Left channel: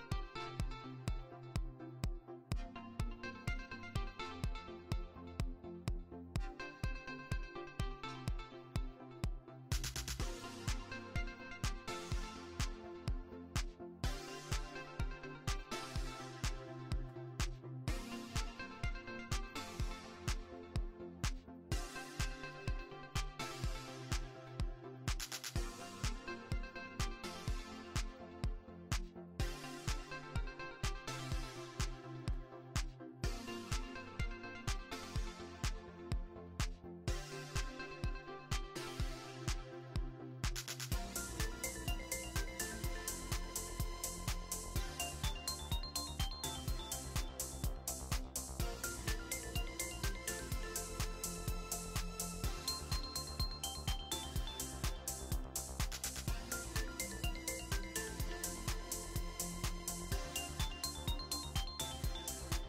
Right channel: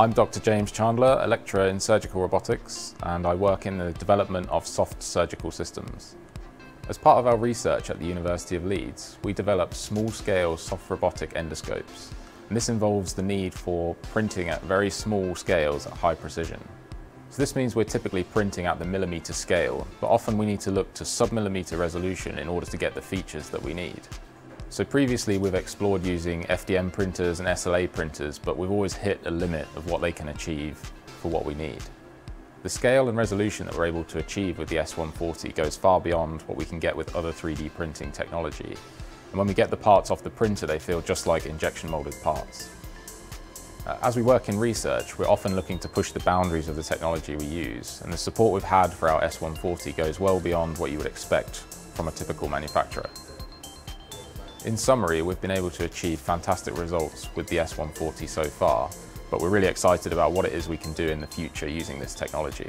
I'm Dr. James Chandler, a lecturer in Surgical Robotics, and I work in the development of soft surgical systems. As part of our research at the University of Leeds, we develop small-scale soft robotic endoscopes. And this involves the need for printing at very small scales at high precision. So this means we're typically printing at the millimetre scale, but often we need to look to sub-millimetre resolution in order to get the features that we need. So previously we've explored using FDM printers and SLA printers, but we've always hit a limit of what they can achieve for what we need. The scale and resolution that we're able to achieve with the S140 goes far beyond what we can get with other 3D printing technology. And when we get the parts off the printer, they feel just like injection molded parts. As we work in research, we're often looking to push the boundaries of the technology we use, and the support we've had for our S140 goes well beyond what you would expect from a typical manufacturer. In summary, we've been able to achieve fantastic results with the S140 so far, but we're really excited about what it is we can do in the future using this technology.